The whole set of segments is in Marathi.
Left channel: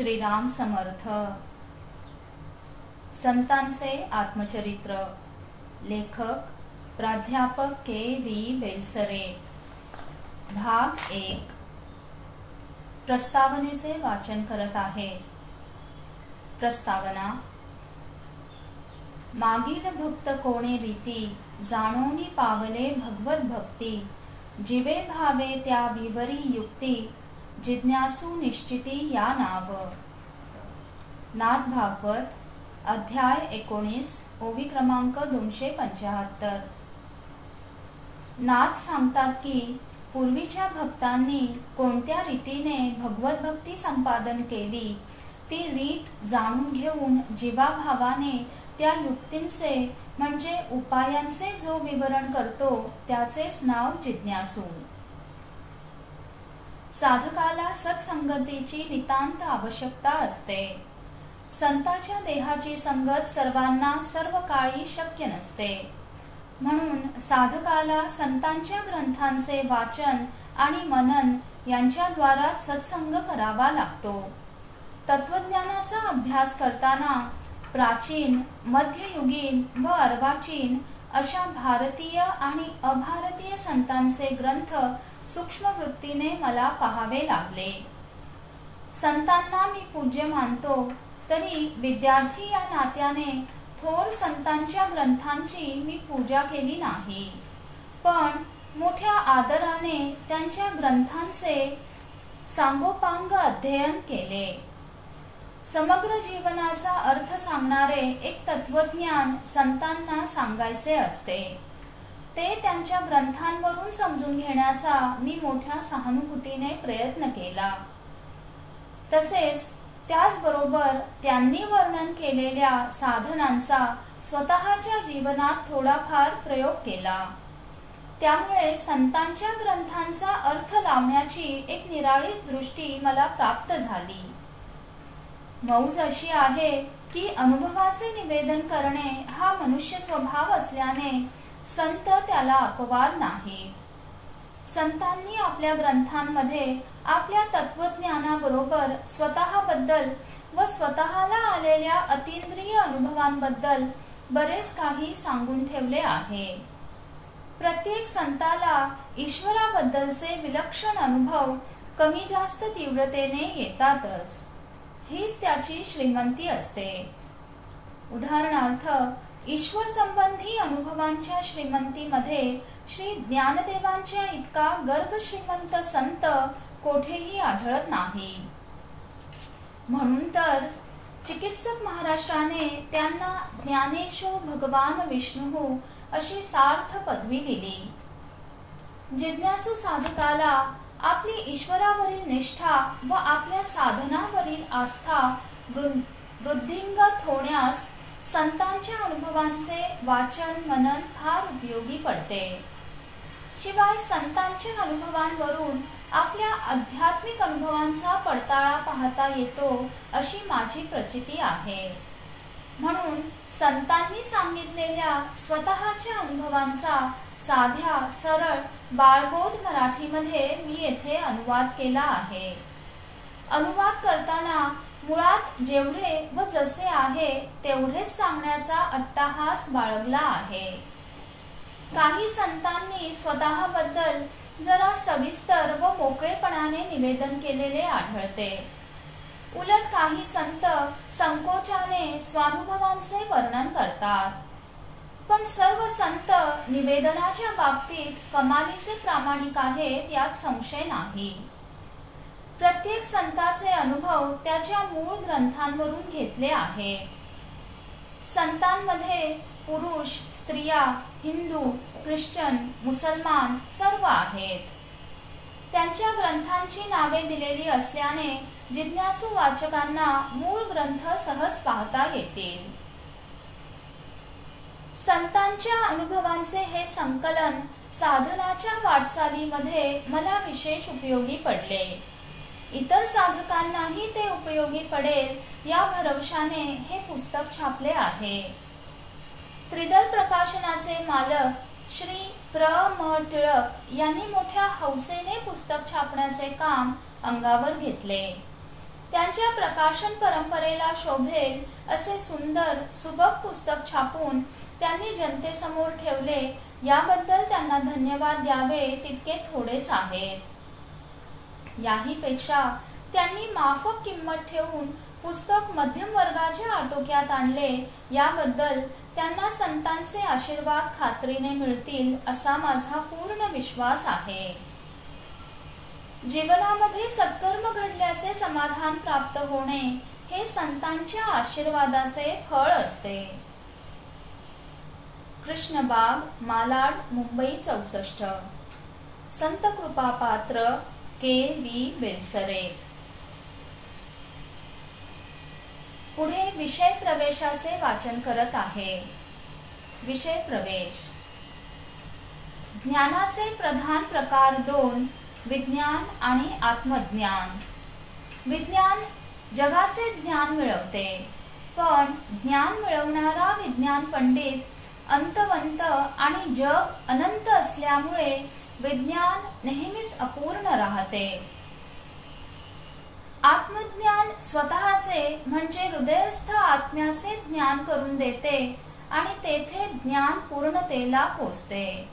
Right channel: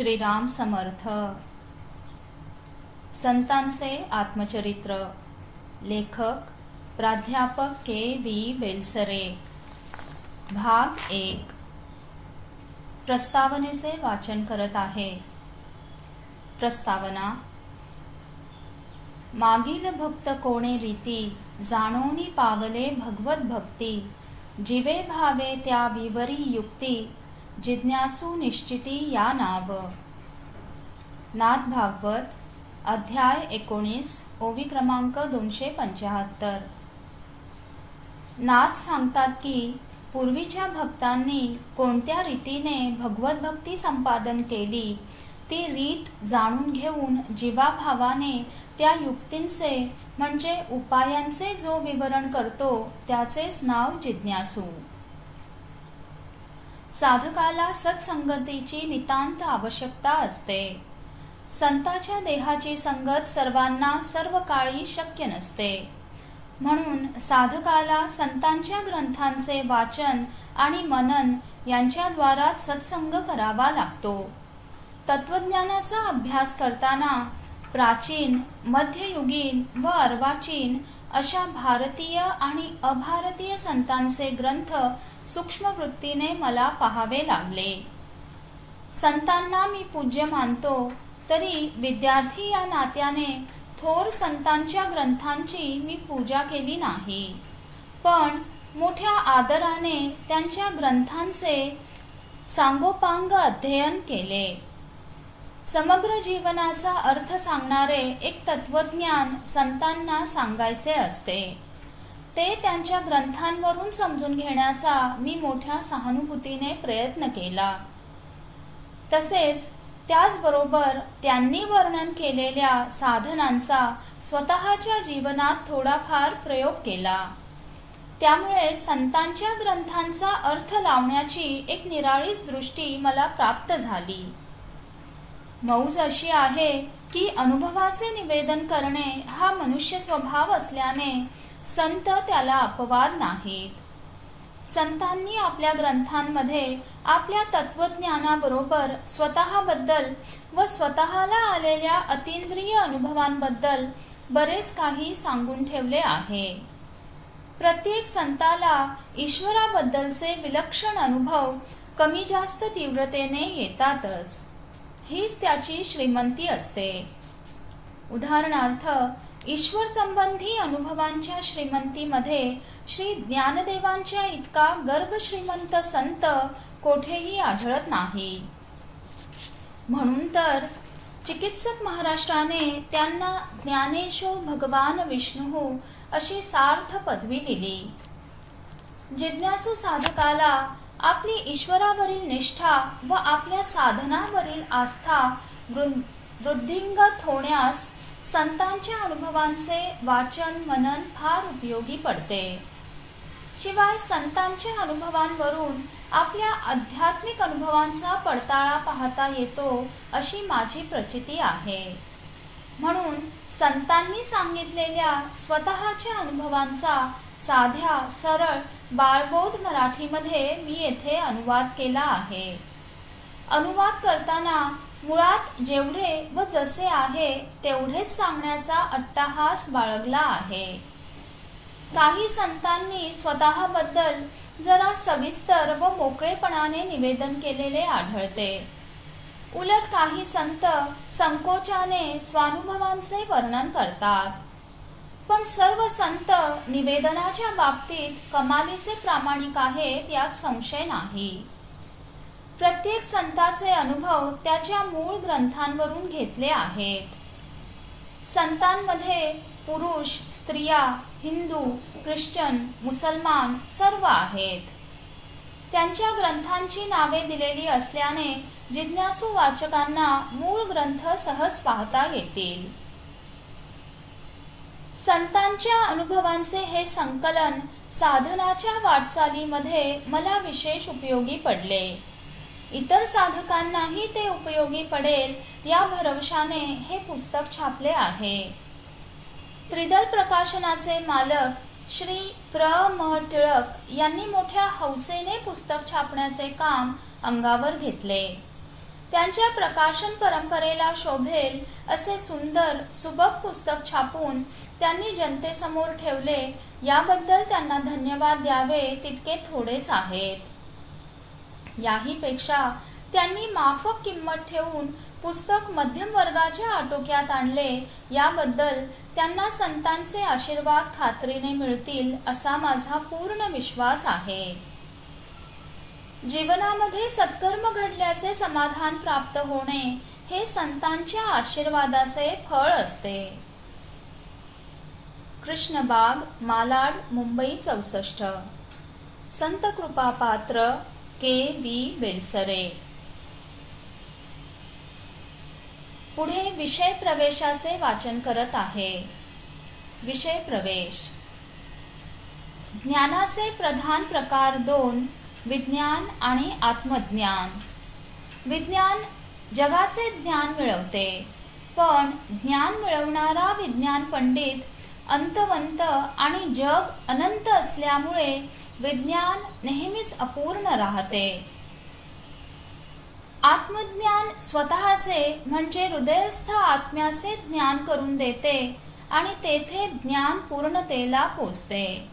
श्रीराम समर्थ. संतांचे आत्मचरित्र. लेखक प्राध्यापक के.व्ही. बेलसरे. भाग 1. प्रस्तावनेचे वाचन करत आहे. प्रस्तावना. मागील भक्त कोणे रीती, जाणोनी पावले भगवत भक्ती, जीवे भावे त्या विवरी युक्ती, जिज्ञासू निश्चिती या नाव. नाथ भागवत अध्याय 19 ओवी क्रमांक 275. नाथ सांगतात की पूर्वीच्या भक्तांनी कोणत्या रीतीने भगवत भक्ती संपादन केली ती रीत जाणून घेऊन जीवाभावाने त्या युक्तींचे म्हणजे उपायांचे जो विवरण करतो त्याचेच नाव जिज्ञासू. साधकाला सत्संगतीची नितांत आवश्यकता असते. संताच्या देहाची संगत सर्वांना सर्व काळी शक्य नसते. म्हणून साधकाला संतांच्या ग्रंथांचे वाचन आणि मनन यांच्याद्वारा सत्संग करावा लागतो. तत्वज्ञानाचा अभ्यास करताना प्राचीन, मध्ययुगीन व अर्वाचीन अशा भारतीय आणि अभारतीय संतांचे ग्रंथ सूक्ष्म वृत्तीने मला पाहावे लागले. संतांना मी पूज्य मानतो, तरी विद्यार्थी या नात्याने थोर संतांच्या ग्रंथांची मी पूजा केली नाही, पण मोठ्या आदराने त्यांच्या ग्रंथांचे सांगोपांग अध्ययन केले. समग्र जीवनाचा अर्थ सांगणारे एक तत्वज्ञान संतांना सांगायचे असते. ते त्यांच्या ग्रंथांवरून समजून घेण्याचा मी मोठ्या सहानुभूतीने प्रयत्न केला. तसेच त्याचबरोबर त्यांनी वर्णन केलेल्या साधनांचा स्वतःच्या जीवनात थोडाफार प्रयोग केला. त्यामुळे संतांच्या ग्रंथांचा अर्थ लावण्याची एक निराळीच दृष्टी मला प्राप्त झाली. मौज अशी आहे की अनुभवाचे निवेदन करणे हा मनुष्य स्वभाव असल्याने संत त्याला अपवाद नाहीत. संतांनी आपल्या ग्रंथांमध्ये आपल्या तत्वज्ञानाबरोबर स्वतःबद्दल व स्वतःला आलेल्या अतींद्रिय अनुभवांबद्दल बरेच काही सांगून ठेवले आहे. प्रत्येक संताला ईश्वराबद्दलचे विलक्षण अनुभव कमी जास्त तीव्रतेने येतातच. हीच त्याची श्रीमंती असते. उदाहरणार्थ, ईश्वर संबंधी अनुभवांच्या श्रीमंतीमध्ये श्री ज्ञानदेवांच्या इतका गर्भ श्रीमंत संत कोठेही आढळत नाही. म्हणून तर चिकित्सक महाराष्ट्राने त्यांना ज्ञानेशो भगवान विष्णू अशी सार्थ पदवी दिली. जिज्ञासू साधकाला आपली ईश्वरावरील निष्ठा व आपल्या साधनावरील आस्था वृद्धिंगत होण्यास संतांच्या अनुभवांचे वाचन मनन फार उपयोगी पडते. शिवाय संतांच्या अनुभवांवरून आपल्या आध्यात्मिक अनुभवांचा पडताळा पाहता येतो अशी माझी प्रचिती आहे. म्हणून संतांनी सांगितलेल्या स्वतःच्या अनुभवांचा साध्या सरळ बाळबोध मराठीमध्ये मी येथे अनुवाद केला आहे. अनुवाद करताना मुळात जेवढे व जसे आहे तेवढेच सांगण्याचा अट्टाहास बाळगला आहे. काही संतांनी स्वतःबद्दल जरा सविस्तर व मोकळेपणाने निवेदन केलेले आढळते. उलट काही संत संकोचाने स्वानुभवांचे वर्णन करतात. पण सर्व संत निवेदनाच्या बाबतीत कमालीचे प्रामाणिक आहेत यात संशय नाही. प्रत्येक संताचे अनुभव त्याच्या मूळ ग्रंथांवरून घेतले आहेत. संतांमध्ये पुरुष, स्त्रिया, हिंदू, ख्रिश्चन, मुसलमान सर्व आहेत. त्यांच्या ग्रंथांची नावे दिलेली असल्याने जिज्ञासू वाचकांना मूळ ग्रंथ सहज पाहता येतील. संतांच्या अनुभवांचे हे संकलन साधनाच्या वाटचालीमध्ये मला विशेष उपयोगी पडले. इतर साधकांनाही ते उपयोगी पडेल या भरवशाने हे पुस्तक छापले आहे. त्रिदल प्रकाशनाचे मालक श्री प्र. म. टिळक यांनी मोठ्या हौसेने पुस्तक छापण्याचे काम अंगावर घेतले. त्यांच्या प्रकाशन परंपरेला शोभेल असे सुंदर सुबक पुस्तक छापून त्यांनी जनतेसमोर ठेवले, याबद्दल त्यांना धन्यवाद द्यावे तितके थोडेच आहेत. याही पेक्षा त्यांनी माफक किंमत ठेवून पुस्तक मध्यम वर्गाच्या आटोक्यात आणले, याबद्दल त्यांना संतांचे आशीर्वाद खात्रीने मिळतील असा माझा पूर्ण विश्वास आहे. जीवनामध्ये सत्कर्म घडल्याचे समाधान प्राप्त होणे हे संतांच्या आशीर्वादाचे फळ असते. कृष्णबाग, मालाड, मुंबई 64. संत कृपापात्र के.व्ही. बेलसरे. पुढे विषय प्रवेशाचे वाचन करत आहे. विषय प्रवेश. ज्ञानाचे प्रधान प्रकार 2, विज्ञान आणि आत्मज्ञान. विज्ञान जगाचे ज्ञान मिळवते, पण ज्ञान मिळवणारा विज्ञान पंडित अंतवंत आणि जग अनंत असल्यामुळे विज्ञान नेहमीच अपूर्ण राहते. आत्मज्ञान स्वतःचे म्हणजे हृदयस्थ आत्म्याचे ज्ञान करून देते आणि तेथे ज्ञान पूर्णतेला पोचते.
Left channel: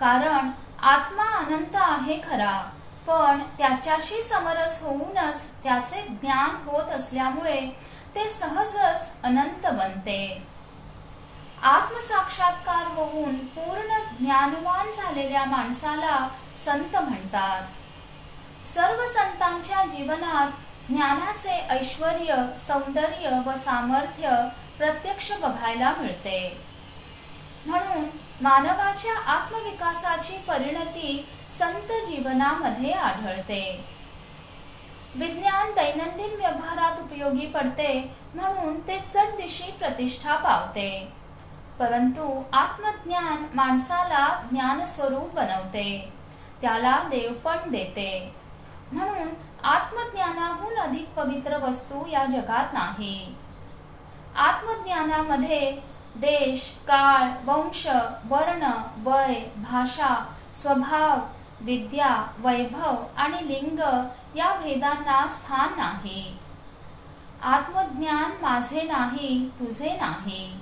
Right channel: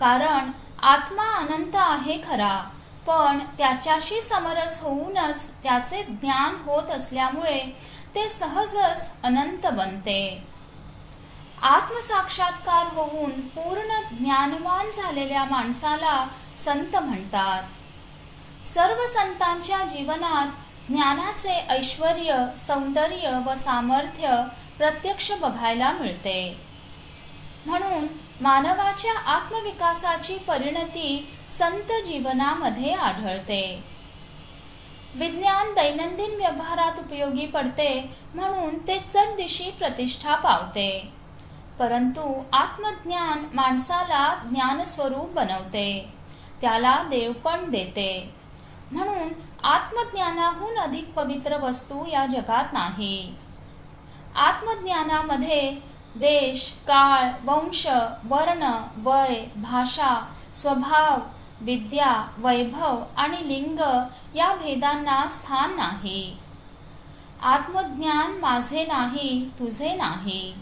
कारण आत्मा अनंत आहे खरा, पण त्याच्याशी समरस होऊनच त्याचे ज्ञान होत असल्यामुळे ते सहजच अनंत बनते. आत्मसाक्षात्कार होऊन पूर्ण ज्ञानवान झालेल्या माणसाला संत म्हणतात. सर्व संतांच्या जीवनात ज्ञानाचे ऐश्वर्य, सौंदर्य व सामर्थ्य प्रत्यक्ष बघायला मिळते. म्हणून मानवाच्या आत्मविकासाची परिणती संत जीवनामध्ये आढळते. विज्ञान दैनंदिन व्यवहारात उपयोगी पडते, म्हणून ते चढदिशी प्रतिष्ठा पावते. परंतु आत्मज्ञान माणसाला ज्ञानस्वरूप बनवते, त्याला देवपण देते. म्हणून आत्मज्ञानाहून अधिक पवित्र वस्तू या जगात नाही. आत्मज्ञानामध्ये देश, काळ, वंश, वर्ण, वय, भाषा, स्वभाव, विद्या, वैभव आणि लिंग या भेदांना स्थान नाही. आत्मज्ञान माझे नाही, तुझे नाही.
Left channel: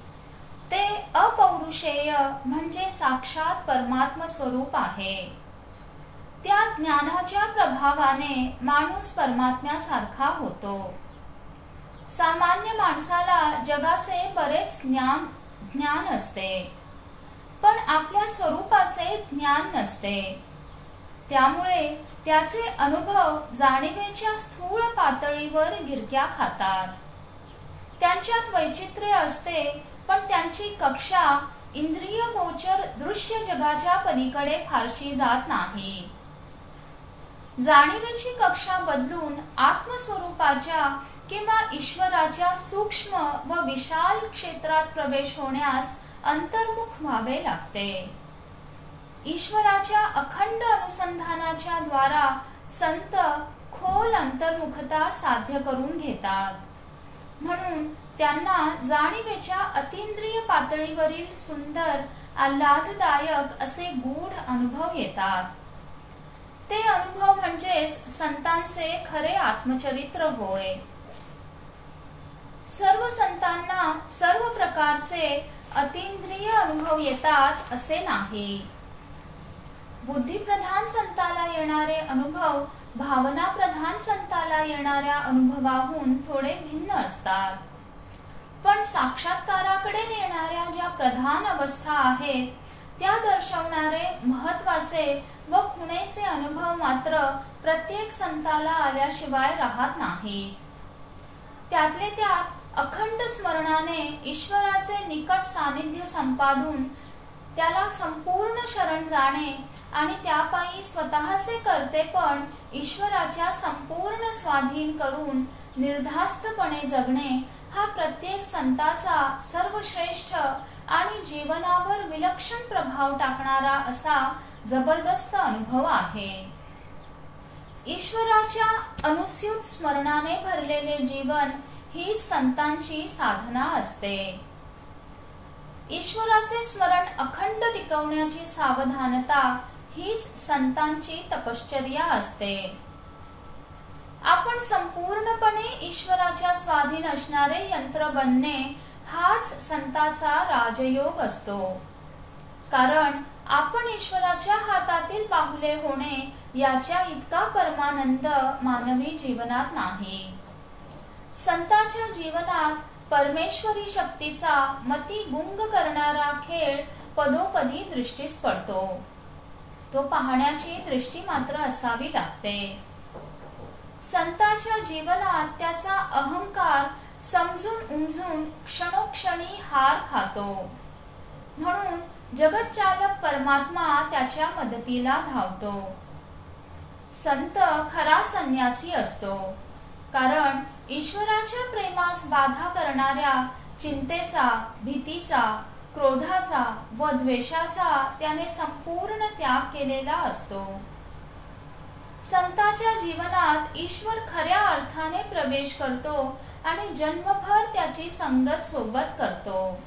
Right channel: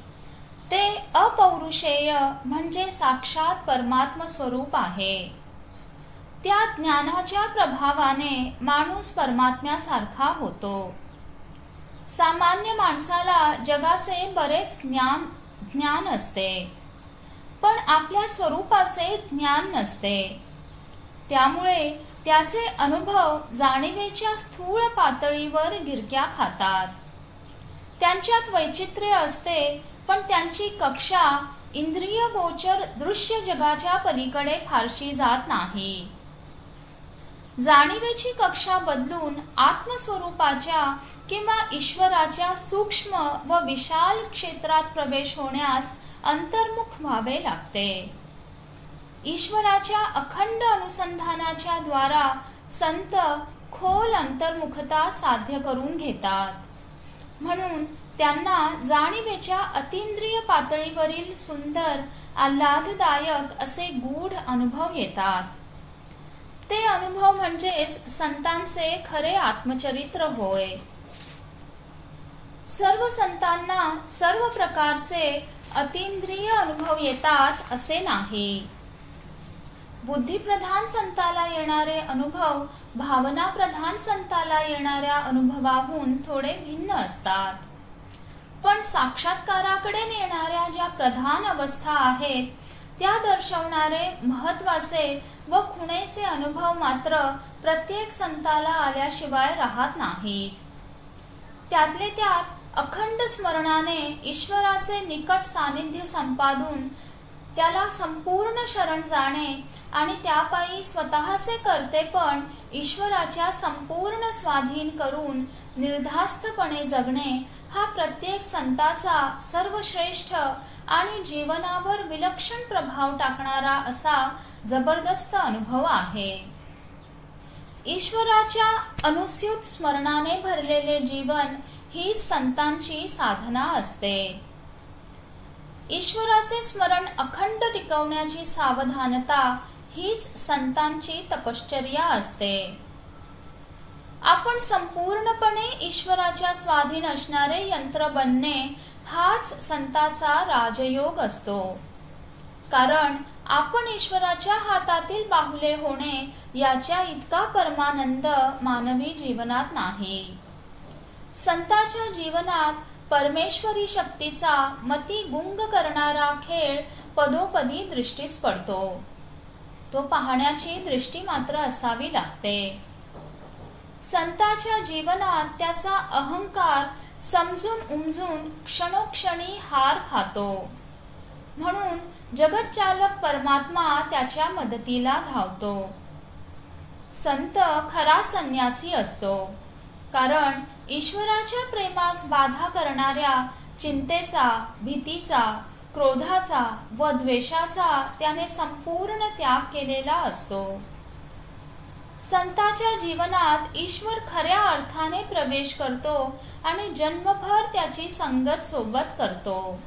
ते अपौरुषेय म्हणजे साक्षात परमात्म स्वरूप आहे. त्या ज्ञानाच्या प्रभावाने माणूस परमात्म्यासारखा होतो. सामान्य माणसाला जगाचे बरेच ज्ञान असते, पण आपल्या स्वरूपाचे ज्ञान नसते. त्यामुळे त्याचे अनुभव जाणीवेच्या स्थूल पातळीवर गिरक्या खातात. त्यांच्यात वैचित्र्य असते, पण त्यांची कक्षा इंद्रिय गोचर दृश्य जगाच्या पलीकडे फारशी जात नाही. जाणीवेची कक्षा बदलून आत्मस्वरूपाच्या किंवा ईश्वराच्या सूक्ष्म व विशाल क्षेत्रात प्रवेश होण्यास अंतर्मुख व्हावे लागते. ईश्वराच्या अखंड अनुसंधानाच्या द्वारा संत खोल अंतर्मुखता साध्य करून घेतात. म्हणून त्यांना जाणीवेच्या अतींद्रिय पातळीवरील सुंदर, आल्हाददायक असे गूढ अनुभव येतात. ते अनुभव म्हणजेच संतांचे खरे आत्मचरित्र होय. सर्व संतांना सर्व प्रकारचे अतींद्रिय अनुभव येतात असे नाही. बुद्धिप्रधान संताला येणारे अनुभव भावनाप्रधान संताला येणाऱ्या अनुभवाहून थोडे भिन्न असतात. पण साक्षात्काराकडे नेणाऱ्या ज्या प्रधान अवस्था आहेत त्या दर्शवणारे महत्वाचे व खुणेचे अनुभव मात्र प्रत्येक संताला आल्याशिवाय राहत नाहीत. त्यातले त्यात अखंड स्मरणाने ईश्वराचे निकट सानिध्य संपादून त्याला संपूर्ण शरण जाणे आणि त्यापायी स्वतःचे कर्तेपण ईश्वराच्या संपूर्ण स्वाधीन करून निर्धास्तपणे जगणे हा प्रत्येक संताचा सर्वश्रेष्ठ आणि जीवनावर विलक्षण प्रभाव टाकणारा असा जबरदस्त अनुभव आहे. ईश्वराच्या अनुस्यूत स्मरणाने भरलेले जीवन ही संतांची साधना असते. ईश्वराचे स्मरण अखंड टिकवण्याची सावधानता हीच संतांची तपश्चर्या असते. आपण संपूर्णपणे ईश्वराच्या स्वाधीन असणारे यंत्र बनणे हाच संताचा राजयोग असतो. कारण आपण ईश्वराच्या हातातील बाहुले होणे याच्या इतका परमानंद मानवी जीवनात नाही. संताच्या जीवनात परमेश्वरी शक्तीचा मती गुंग करणारा खेळ पदोपदी दृष्टीस पडतो. तो पाहण्याची दृष्टी मात्र असावी लागते. संताच्या जीवनात त्याचा अहंकार समजून उमजून क्षणोक्षणी हार खातो. म्हणून जगतचालक परमात्मा त्याच्या मदतीला धावतो. संत खरा संन्यासी असतो. कारण ईश्वराच्या प्रेमास बाधा करणाऱ्या चिंतेचा, भीतीचा, क्रोधाचा व द्वेषाचा त्याने संपूर्ण त्याग केलेला असतो. संताच्या जीवनात ईश्वर खऱ्या अर्थाने प्रवेश करतो आणि जन्मभर त्याची संगत सोबत करतो.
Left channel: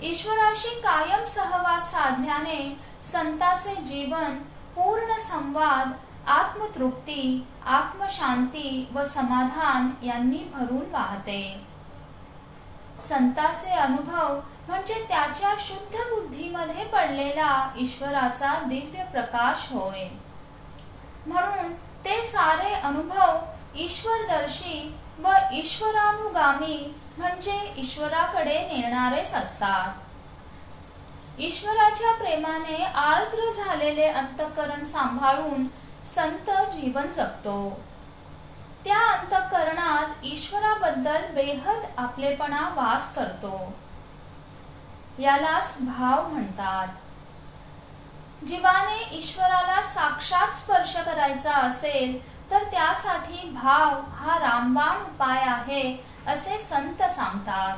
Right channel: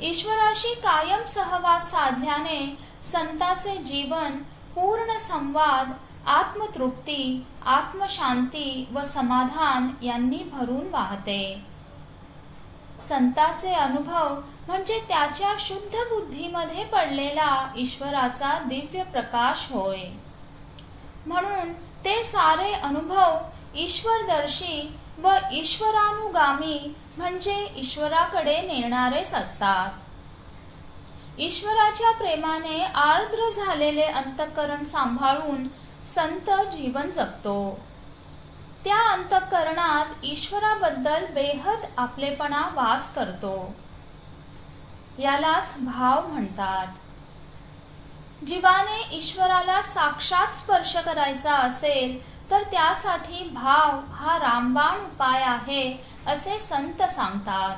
ईश्वराशी कायम सहवास साधल्याने संताचे जीवन पूर्ण संवाद, आत्मतृप्ती, आत्मशांती व समाधान यांनी भरून वाहते. संताचे अनुभव म्हणजे त्याच्या शुद्ध बुद्धीमध्ये पडलेला ईश्वराचा दिव्य प्रकाश होय. म्हणून ते सारे अनुभव ईश्वरदर्शी व ईश्वरानुगामी म्हणजे ईश्वराकडे नेणारेच असतात. ईश्वराच्या प्रेमाने आर्द्र झालेले अंतःकरण सांभाळून संत जीवन जगतो. त्या अंतःकरणात ईश्वराबद्दल बेहद आपलेपणा वास करतो. यालाच भाव म्हणतात. जीवाने ईश्वराला साक्षात स्पर्श करायचा असेल तर त्यासाठी भाव हा रामबाण उपाय आहे असे संत सांगतात.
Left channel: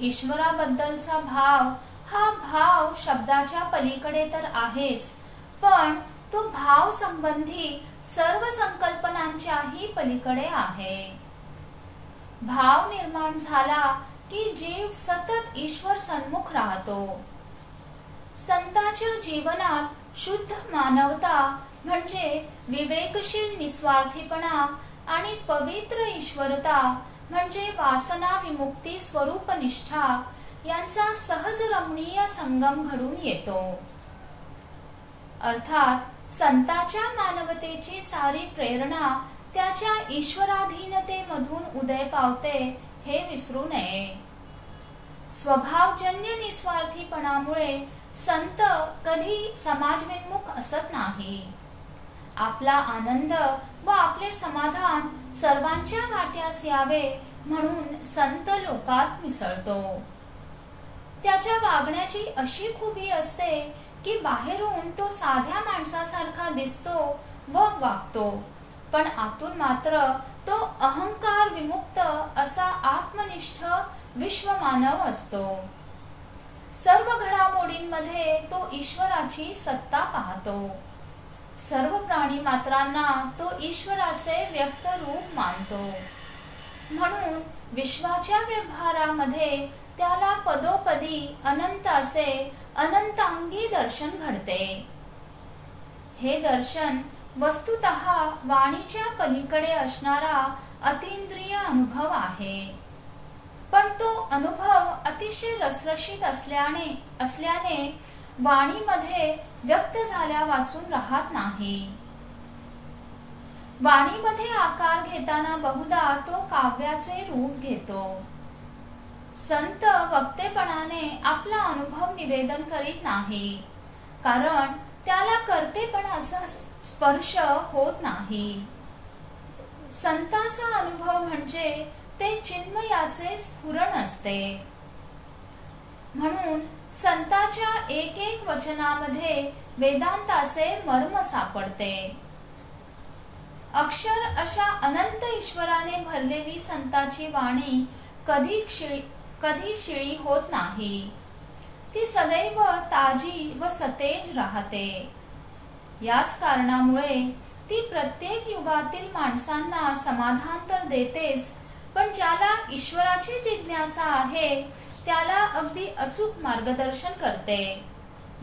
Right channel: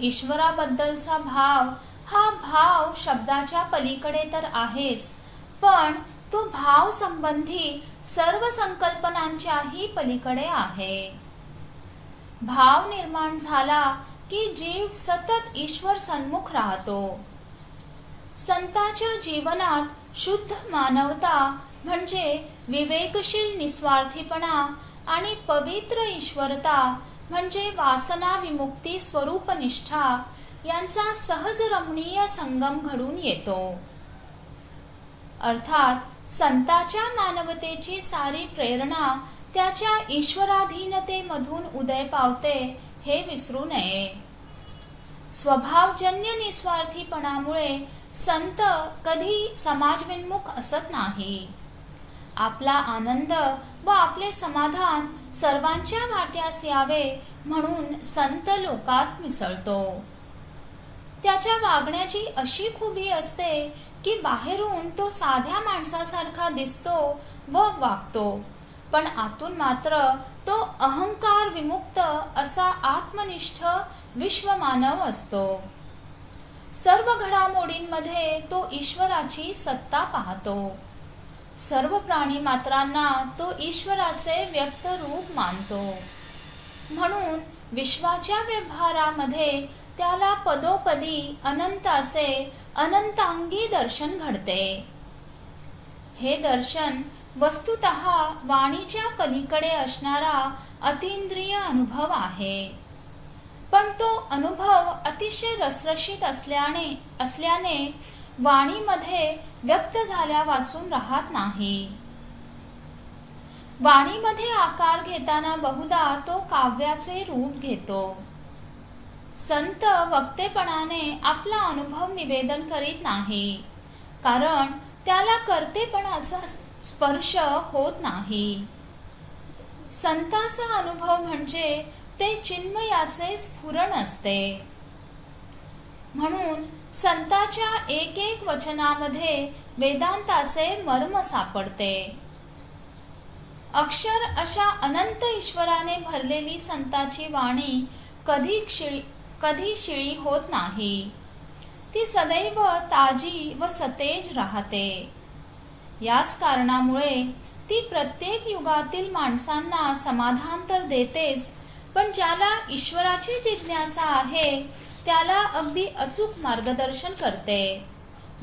ईश्वराबद्दलचा भाव हा भाव शब्दाच्या पलीकडे तर आहेच, पण तो भाव संबंधी सर्व संकल्पनांच्याही पलीकडे आहे. भाव निर्माण झाला की जीव सतत ईश्वर सन्मुख राहतो. संताच्या जीवनात शुद्ध मानवता म्हणजे विवेकशील निस्वार्थीपणा आणि पवित्र ईश्वरता म्हणजे वासना विमुक्ती स्वरूपनिष्ठा यांचा सहज रमणीय संगम घडून येतो. अर्थात संताच्या मानवतेची सारी प्रेरणा त्याच्या ईश्वराधीनतेमधून उदय पावते हे विसरू नये. स्वभावजन्य निस्वार्थीपणामुळे संत कधी समाजविन्मुख असत नाही. आपला आनंद व आपले समाधान सर्वांच्या वाट्यास यावे म्हणून संत लोकात मिसळतो. त्याच्या वागण्याची अशी खूबी असते की बाहेरून तो साध्या माणसासारखा दिसतो व वागतो, पण आतून मात्र तो अहंकार विमुक्त असा आत्मनिष्ठ विश्वमानव असतो. सर्व घडामोडींमध्ये तो ईश्वराची सत्ता पाहतो. सर्व प्राणी मात्रांना तो ईश्वराचे व्यक्त रूप मानतो. म्हणून विश्वाच्या व्यवहारामध्ये त्याला पदोपदी अनंताचे अनंतांगी दर्शन घडते. हे दर्शन वस्तुतः वाणीच्या पलीकडे असणारा अतींद्रिय अनुभव आहे. पण तो अनुभव अतिशय रसरशीत असल्याने वाणीमध्ये व्यक्त झाल्या वाचून राहत नाही. वाणीमध्ये आकार घेताना बहुधा तो काव्याचे रूप घेतो. संत वक्तेपणाने आपला अनुभव निवेदन करीत नाही, कारण त्याला कर्तेपणाचा स्पर्श होत नाही. संताचा अनुभव म्हणजे ते चिन्मयाचे स्फुरण असते. म्हणून संताच्या एक एक वचनामध्ये वेदांताचे मर्म सापडते. अक्षर अशा अनंत ईश्वराने भरलेली संताची वाणी कधी शिळी होत नाही. ती सदैव ताजी व सतेज राहते. याच कारणामुळे ती प्रत्येक युगातील माणसांना समाधान तर देतेच, पण ज्याला ईश्वराची जिज्ञासा आहे त्याला अगदी अचूक मार्गदर्शन करते.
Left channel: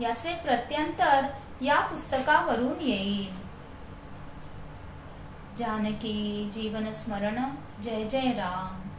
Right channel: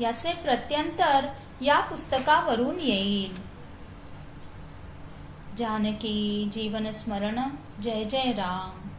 याचे प्रत्यंतर या पुस्तकावरून येईल. जानकी जीवन स्मरण जय जय राम।